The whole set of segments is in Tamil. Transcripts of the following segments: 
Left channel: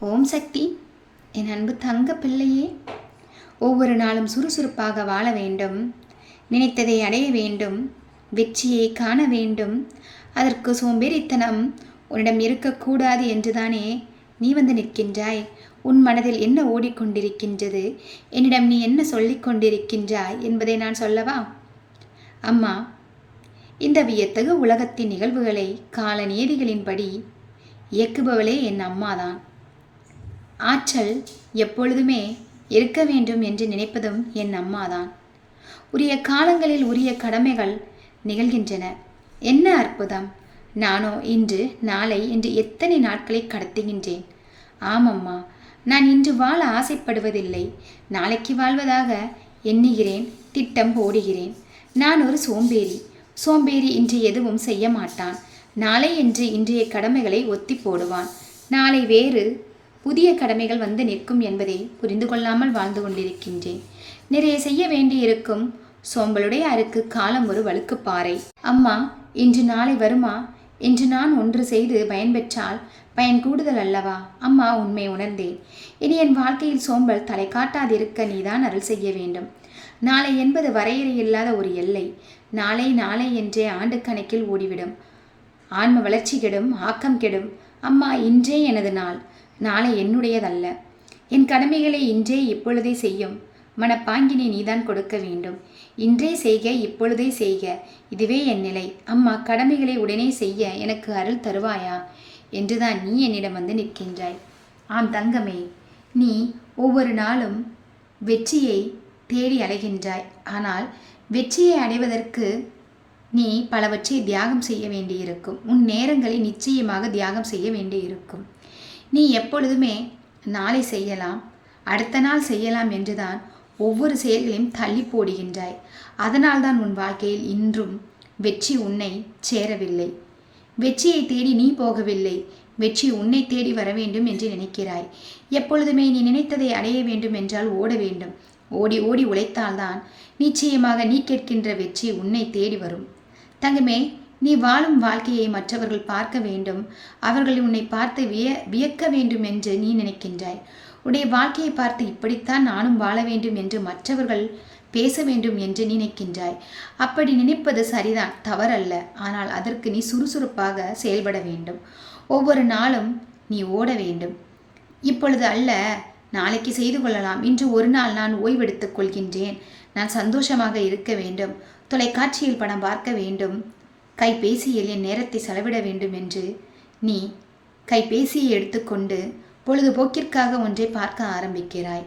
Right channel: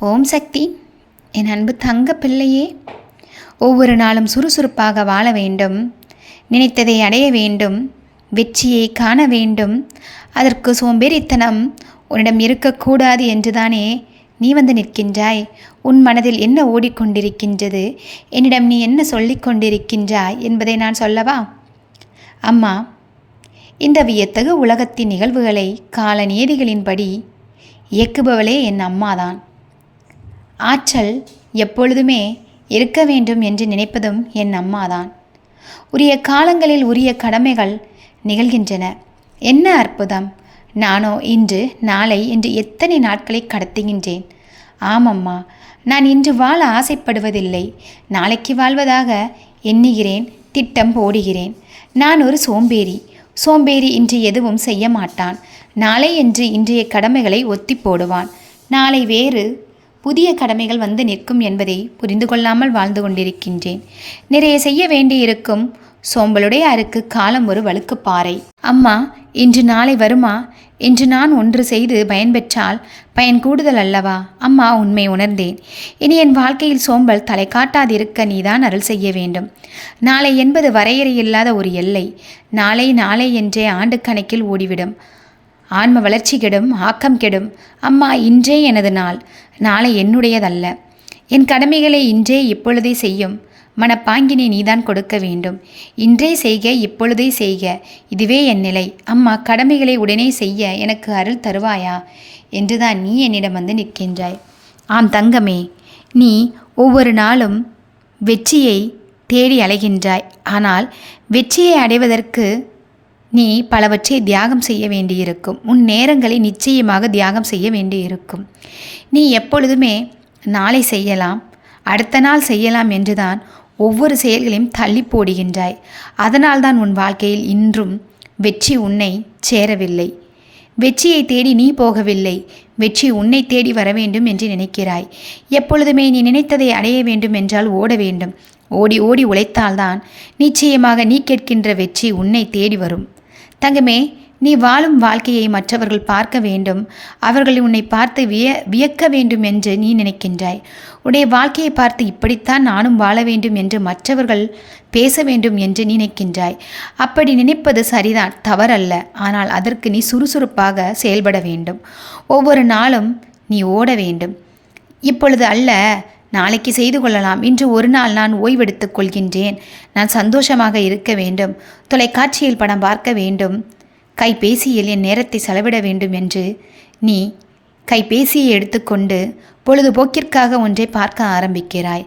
ஓம் சக்தி. என் அன்பு தங்க பிள்ளையே ஒவ்வொரு நாளும் சுறுசுறுப்பாக வாழ வேண்டும். நினைத்ததை அடைய வேண்டும். வெற்றியை காண வேண்டும். அதற்கு சோம்பேறித்தனம் உன்னிடம் இருக்கக்கூடாது என்றுதானே நீ வந்து நிற்கின்றாய். உன் மனதில் என்ன ஓடிக்கொண்டிருக்கின்றது? என்னிடம் நீ என்ன சொல்லிக் கொண்டிருக்கின்றாய் என்பதை நான் சொல்லவா? அம்மா இந்த வியத்தகு உலகத்தின் நிகழ்வுகளை கால நியதிகளின்படி இயக்குபவளே என் அம்மாதான். ஆற்றல் எப்பொழுதுமே இருக்க வேண்டும் என்று நினைப்பதும் என் அம்மாதான். உரிய காலங்களில் உரிய கடமைகள் நிகழ்கின்றன. என்ன அற்புதம்! நானோ இன்று நாளை என்று எத்தனை நாட்களை கடத்துகின்றேன். ஆமம்மா நான் இன்று வாழ ஆசைப்படுவதில்லை. நாளைக்கு வாழ்வதாக எண்ணுகிறேன் திட்டம் போடுகிறேன். நான் ஒரு சோம்பேறி. சோம்பேறி இன்று எதுவும் செய்ய மாட்டான். நாளை என்று இன்றைய கடமைகளை ஒத்தி போடுவான். நாளை வேறு புதிய கடமைகள் வந்து நிற்கும் என்பதை புரிந்து கொள்ளாமல் வாழ்ந்து கொண்டிருக்கின்றேன். நிறைய செய்ய வேண்டியிருக்கும். சோம்பலுடைய அருக்கு காலம் ஒரு வழுக்குப்பாறை அம்மா இன்று நாளை வருமா? இன்று நான் ஒன்று செய்து பயன்பெற்றால் பயன் கூடுதல் அல்லவா? அம்மா உண்மை உணர்ந்தேன். இனி என் வாழ்க்கையில் சோம்பல் தலை காட்டாதிருக்க நீதான் அருள் செய்ய வேண்டும். நாளை என்பது வரையறை இல்லாத ஒரு எல்லை. நாளை நாளை என்றே ஆண்டு கணக்கில் ஓடிவிடும். ஆன்ம வளர்ச்சி கெடும் ஆக்கம் கெடும். அம்மா இன்றே எனது நாள். நாளை என்னுடையதல்ல. என் கடமைகளை இன்றே இப்பொழுதே செய்யும். மனப்பாங்கினை நீதான் கொடுக்க வேண்டும். இன்றே செய்க இப்பொழுதே செய்க. இதுவே என் நிலை. அம்மா கடமைகளை உடனே செய்ய எனக்கு அருள் தருவாயா? என்றுதான் நீ என்னிடம் வந்து நிற்கின்றாய். ஆம் தங்கமே நீ ஒவ்வொரு நாளும் வெற்றியை தேடி அலைகின்றாய். ஆனால் வெற்றியை அடைவதற்கு நீ பலவற்றை தியாகம் செய்ய வேண்டியிருக்கும். உன் நேரங்களை நிச்சயமாக தியாகம் செய்ய வேண்டியிருக்கும். நீ எப்பொழுதுமே நாளை செய்யலாம் அடுத்த நாள் செய்யலாம் என்றுதான் ஒவ்வொரு செயல்களையும் தள்ளி போடுகின்றாய். அதனால்தான் உன் வாழ்க்கையில் இன்றும் வெற்றி உன்னை சேரவில்லை. வெற்றியை தேடி நீ போகவில்லை. வெற்றி உன்னை தேடி வர வேண்டும் என்று நினைக்கிறாய். எப்பொழுதுமே நீ நினைத்ததை அடைய வேண்டும் என்றால் ஓட வேண்டும். ஓடி ஓடி உழைத்தால்தான் நிச்சயமாக நீ கேட்கின்ற வெற்றி உன்னை தேடி வரும். தங்கமே நீ வாழும் வாழ்க்கையை மற்றவர்கள் பார்க்க வேண்டும். அவர்கள் உன்னை பார்த்து விய வியக்க வேண்டும் என்று நீ நினைக்கின்றாய். உன்னுடைய வாழ்க்கையை பார்த்து இப்படித்தான் நானும் வாழ வேண்டும் என்று மற்றவர்கள் பேச வேண்டும் என்று நினைக்கின்றாய். அப்படி நினைப்பது சரிதான் தவறல்ல. ஆனால் அதற்கு நீ சுறுசுறுப்பாக செயல்பட வேண்டும். ஒவ்வொரு நாளும் நீ ஓட வேண்டும். இப்பொழுது அல்ல நாளைக்கு செய்து கொள்ளலாம். இன்று ஒரு நாள் நான் ஓய்வெடுத்துக் கொள்கின்றேன். நான் சந்தோஷமாக இருக்க வேண்டும். தொலைக்காட்சியில் படம் பார்க்க வேண்டும். கைபேசியில் என் நேரத்தை செலவிட வேண்டும் என்று நீ கைபேசியை எடுத்துக்கொண்டு பொழுதுபோக்கிற்காக ஒன்றை பார்க்க ஆரம்பிக்கிறாய்.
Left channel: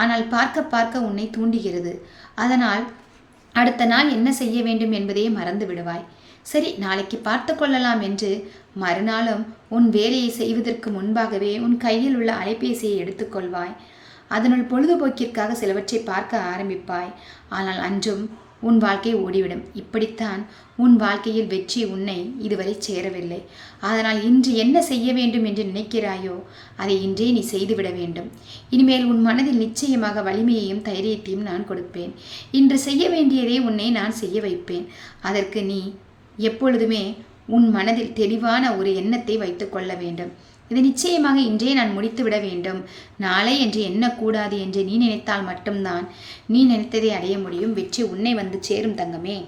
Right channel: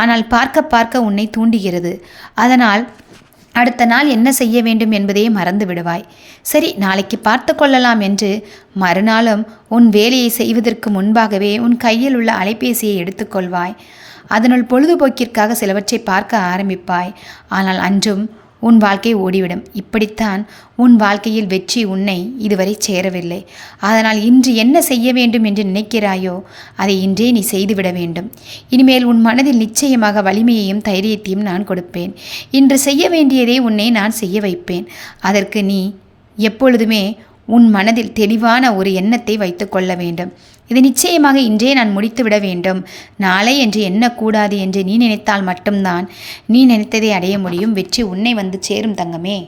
ஆனால் பார்க்க பார்க்க உன்னை தூண்டுகிறது. அதனால் அடுத்த நாள் என்ன செய்ய வேண்டும் என்பதையே மறந்து விடுவாய். சரி நாளைக்கு பார்த்து கொள்ளலாம் என்று மறுநாளும் உன் வேலையை செய்வதற்கு முன்பாகவே உன் கையில் உள்ள அலைபேசியை எடுத்துக்கொள்வாய் அதனுள் பொழுதுபோக்கிற்காக சிலவற்றை பார்க்க ஆரம்பிப்பாய். ஆனால் அன்றும் உன் வாழ்க்கை ஓடிவிடும். இப்படித்தான் உன் வாழ்க்கையில் வெற்றி உன்னை இதுவரை சேரவில்லை. அதனால் இன்று என்ன செய்ய வேண்டும் என்று நினைக்கிறாயோ அதை இன்றே நீ செய்துவிட வேண்டும். இனிமேல் உன் மனதில் நிச்சயமாக வலிமையையும் தைரியத்தையும் நான் கொடுப்பேன். இன்று செய்ய வேண்டியதே உன்னை நான் செய்ய வைப்பேன். அதற்கு நீ எப்பொழுதுமே உன் மனதில் தெளிவான ஒரு எண்ணத்தை வைத்து கொள்ள வேண்டும். இது நிச்சயமாக இன்றே நான் முடித்துவிட வேண்டும். நாளை என்று எண்ணக்கூடாது என்று நீ நினைத்தால் மட்டும்தான். நீ நினைத்ததை அடைய முடியும். வெற்றி உன்னை வந்து சேரும் தங்கமே.